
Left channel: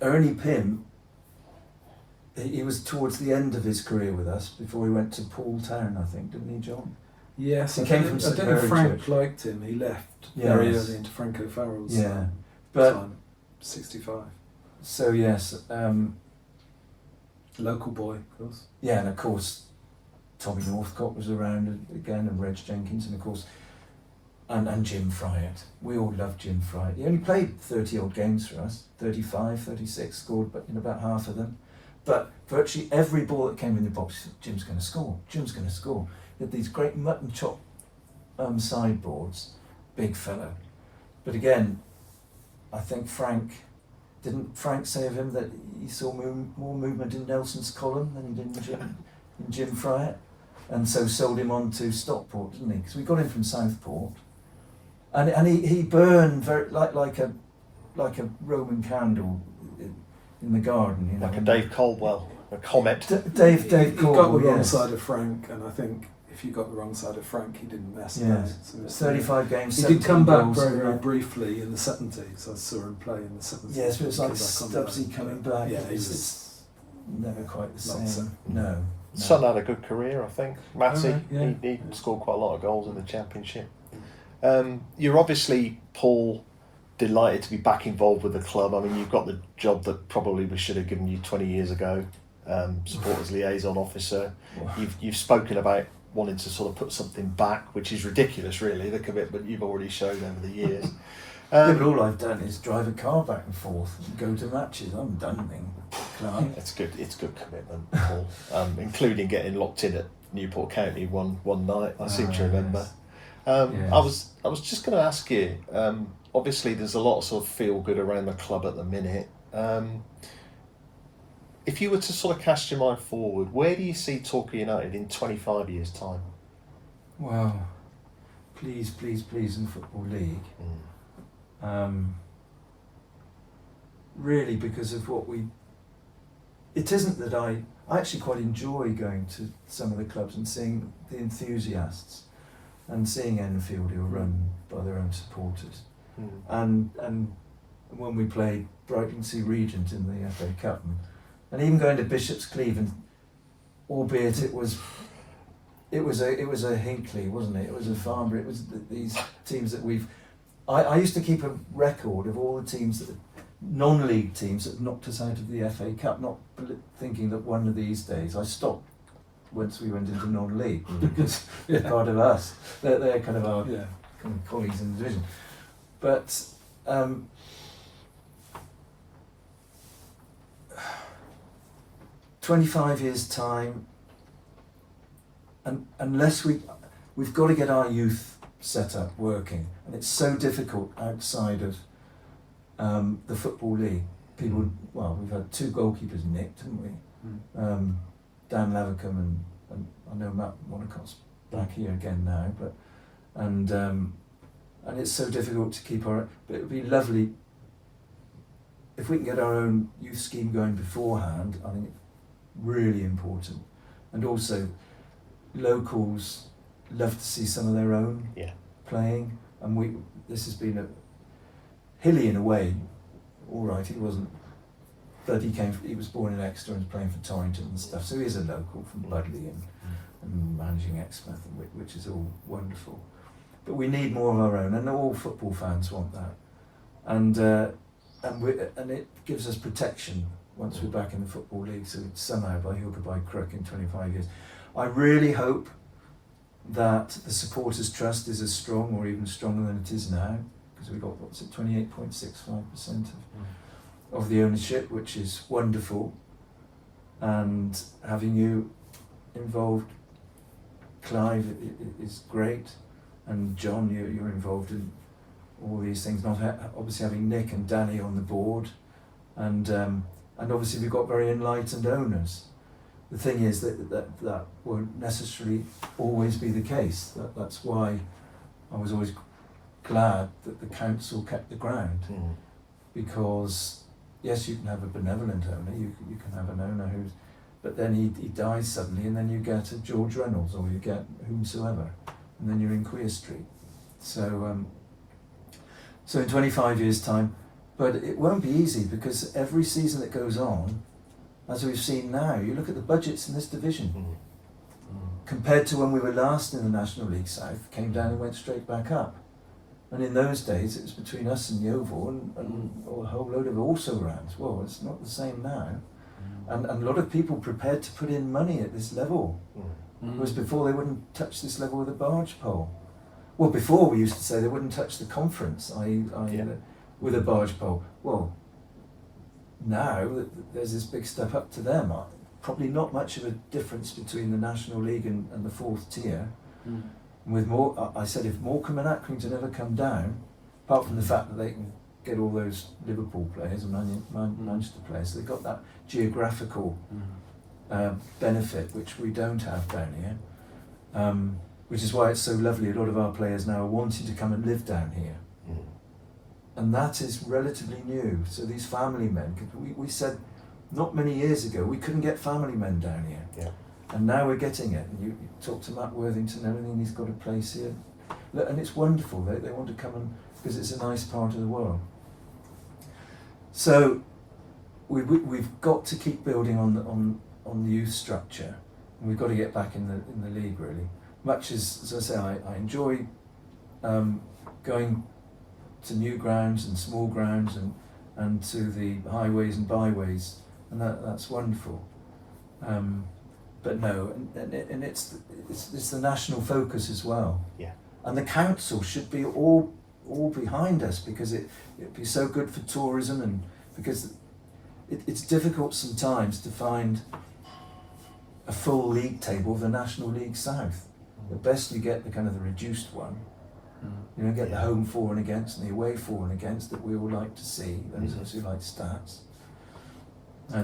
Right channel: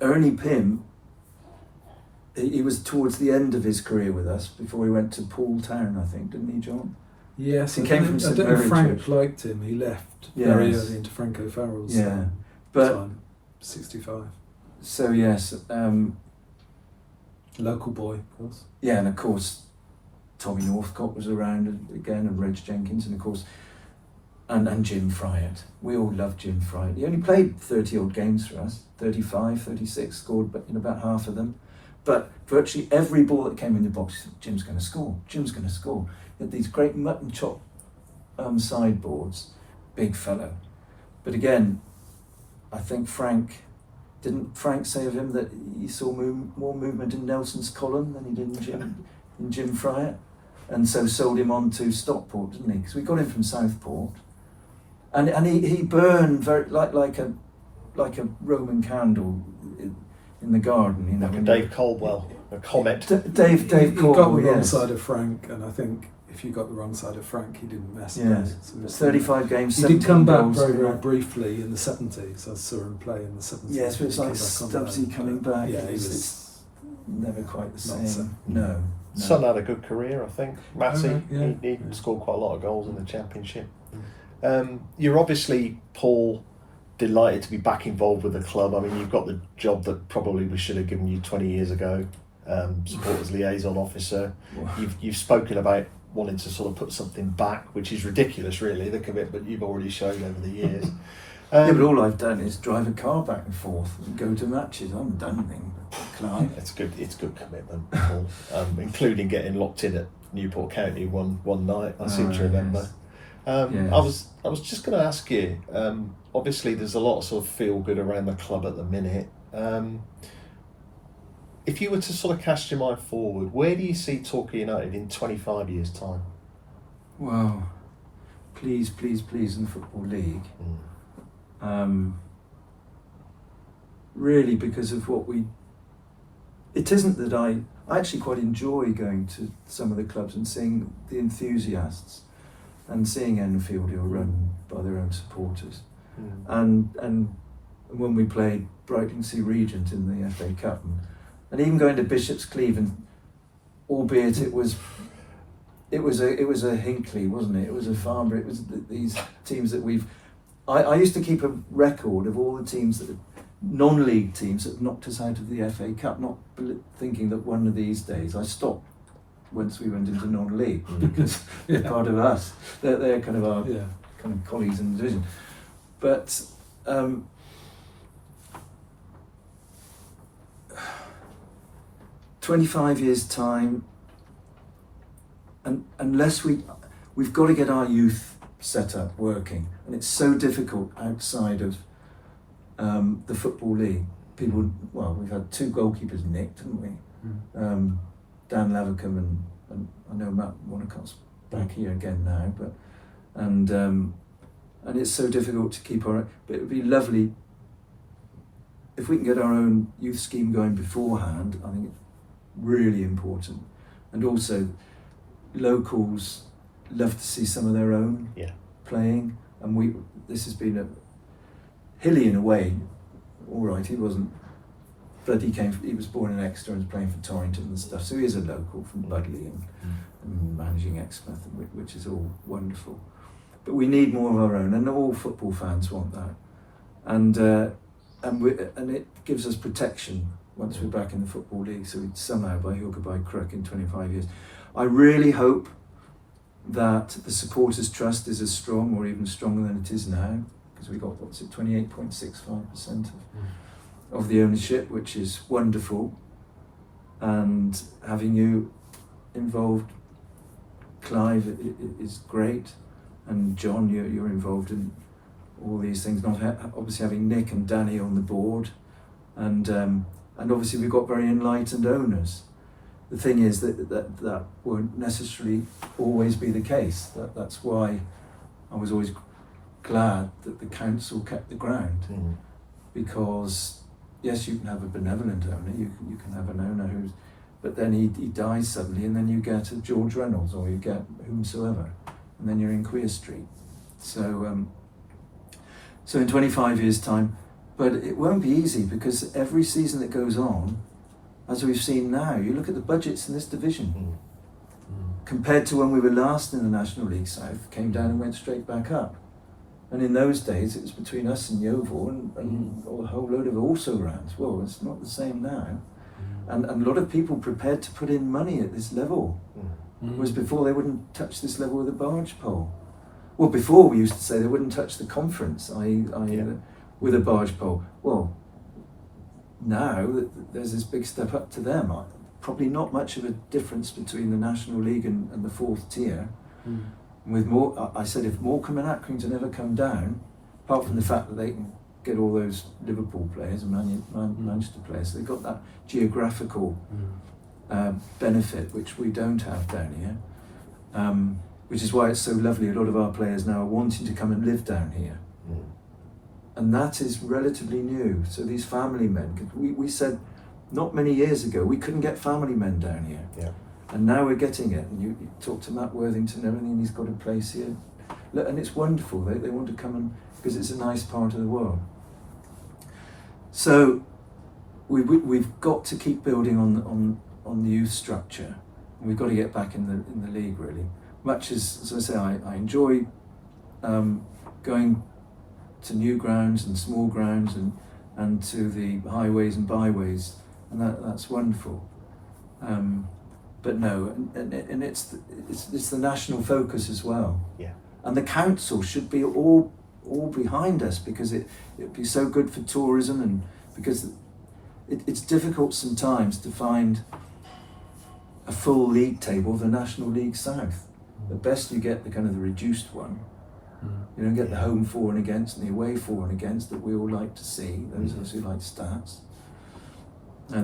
Ernie Pym, he was towards the end of his career with us before he went to Paul Town, I think, didn't he, John? Yes, He I came don't- from I St don't know Mary if Frank Church. liked him. He left very Yes. early into Frank O'Farrell's Yeah, but time, 65. so yes, Local boy, of course. yeah, and of course Tommy Northcott was around again, and Reg Jenkins, and of course and Jim Fryatt. We all loved Jim Fryatt. He only played 30 odd games for us, 35, 36, scored in about half of them. But virtually every ball that came in the box, Jim's going to score, Jim's going to score. He had these great mutton chop sideboards, big fellow. But again, I think didn't Frank say of him that he saw more movement in Nelson's column than he did in Jim Fryatt? And so sold him on to Stockport, didn't he? Because we got him from Southport. And he burned very like a Roman candle in the garden, you know. Like a Dave Caldwell, a comet. Dave He Caldwell, got the wrong yes. side of Frank, and I think if you got the wrong side of Frank, he didn't mess Yeah. about. So 35 games. he did come 17 back goals, very, very right? briefly in the 70s. I saw him play in the 70s. Yes, but it's He like came back on Stubbsy loan. coming back. Yeah, he It's- was never quite the Not same. No. Son had a good career, I think. Matty, right, yeah. he scored quite a lot of goals in the Championship. You're obviously, Paul, delighted to be back involved with the club. I mean, you've got the job that probably we should have given you 20 years ago, supporters liaison officer. You've spoken about wanting to sort of put something back, which is ridiculous, really, the commitment you've already shown over the years. Yeah, but all I've done is drive a car back and forth and go to matches. I haven't done anything. Clive. It's good commitment, Paul. Including getting locked in at Newport County one night. I seem to remember. Yes. I was just going to ask you. Obviously, there's a lot of sort of feel good around the club at the minute. If you were to sort of cast your mind forward, where do you see Torquay United in 25 years' time? Wow. Please in the Football League. Really, because of what it isn't that I actually quite enjoy going to some of the clubs and seeing the enthusiasts and seeing Enfield who are run by their own supporters. And when we played Brighton Regent in the FA Cup, and even going to Bishop's Cleeve, and albeit it was a Hinckley, wasn't it? It was a Farnborough. It was these teams that I used to keep a record of all the teams that non-league teams that knocked us out of the FA Cup, not thinking that one of these days. I stopped once we went into non-league because they're part of us. They're kind of our kind of colleagues in the division. But 25 years' time, and unless we've got to get our youth set up working, and it's so difficult outside of the Football League. We've had 2 goalkeepers nicked, haven't we? Dan Levercombe and I know Matt Wanacott's back here again now, and it's so difficult to keep but it would be lovely if we can get our own youth scheme going beforehand. I think it's really important, and also locals love to see some of their own playing, and this has been Hilly in a way. All right, he wasn't, but he was born in Exeter and was playing for Torrington and stuff, so he is a local from Budley and managing Exmouth, which is all wonderful. But we need more of our own, and all football fans want that, and it gives us protection once we're back in the Football League. So somehow, by hook or by crook, in 25 years, I really hope that the Supporters Trust is as strong or even stronger than it is now, because we got 28.65% of the ownership, which is wonderful, and having you involved, Clive, is great, and John, you're involved in all these things. Not obviously having Nick and Danny on the board, and obviously we've got very enlightened owners. The thing is that won't necessarily always be the case. That's why I was always glad that the council kept the ground, because yes, you can have a benevolent owner, you can have an owner but then he dies suddenly, and then you get a George Reynolds or you get whomsoever, and then you're in Queer Street. So in 25 years' time, but it won't be easy, because every season that goes on, as we've seen now, you look at the budgets in this division, compared to when we were last in the National League South, came down and went straight back up. And in those days, it was between us and Yeovil and a whole load of also-rans. Well, it's not the same now. And a lot of people prepared to put in money at this level. Whereas before, they wouldn't touch this level with a barge pole. Well, before we used to say they wouldn't touch the conference, with a barge pole. Well, now there's this big step up to them. Probably not much of a difference between the National League and the 4th tier. With I said, if Morecambe and Accrington ever come down, apart from the fact that they can get all those Liverpool players and Manchester players, they've got that geographical benefit which we don't have down here, which is why it's so lovely. A lot of our players now are wanting to come and live down here, and that is relatively new. So these family men, cause we said not many years ago we couldn't get family men down here. And now we're getting it. And you talk to Matt Worthington and everything, he's got a place here. Look, and it's wonderful. They want to come because it's a nice part of the world. So we've got to keep building on the youth structure, and we've got to get back in the league really. Much as I say, I enjoy going to new grounds and small grounds and to the highways and byways, and that's wonderful. But no, and it's the national focus as well. Yeah. And the council should be all behind us, because it'd be so good for tourism, and because it's difficult sometimes to find a full league table of the National League South. The best you get the kind of the reduced one. You don't get the home for and against and the away for and against that we all like to see, those of us who like stats.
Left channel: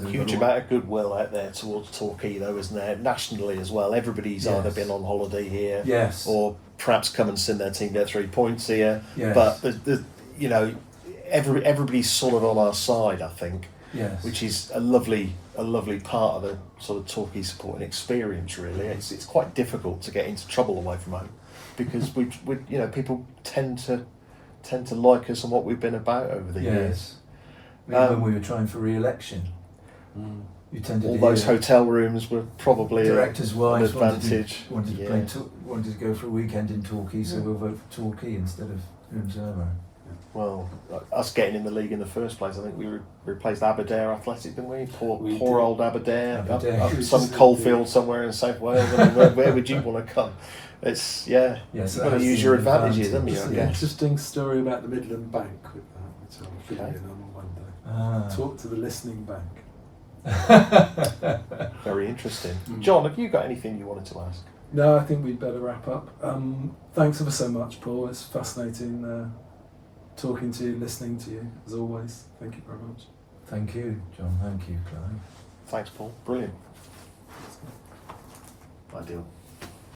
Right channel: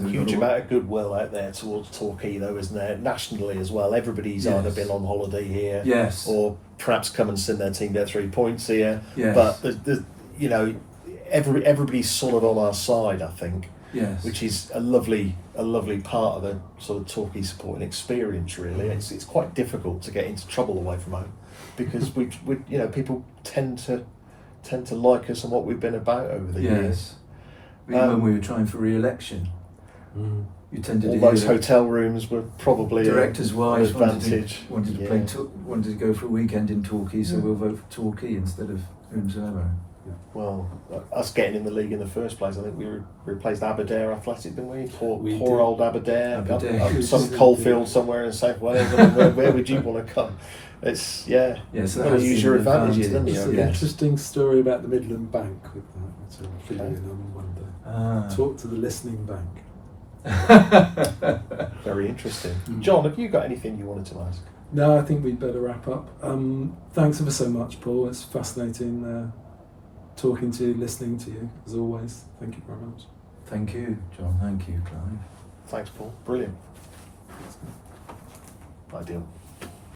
Huge amount of goodwill out there towards Torquay, though, isn't there? Nationally as well. Everybody's either been on holiday here, or perhaps come and send their team their 3 points here. Yes. But you know, everybody's sort of on our side, I think. Yes. Which is a lovely part of the sort of Torquay supporting experience. Really, it's quite difficult to get into trouble away from home, because we people tend to like us and what we've been about over the years. When we were trying for re-election. You tended all to those hotel rooms were probably directors' wives wanted to go for a weekend in Torquay, so we'll vote for Torquay instead of whomsoever. Well, us getting in the league in the first place, I think we replaced Aberdare Athletic, didn't we? Poor old Aberdare. Up some coalfield somewhere in South Wales. I mean, where would you want to come? It's so you've got to use your advantages, haven't you? There's an interesting story about the Midland Bank with that, which I'll fill you in on one day. Talk to the listening bank. Very interesting. John, have you got anything you wanted to ask? No, I think we'd better wrap up. Thanks ever so much, Paul. It's fascinating talking to you, listening to you, as always. Thank you very much. Thank you, John. Thank you, Clive. Thanks, Paul. Brilliant. Ideal.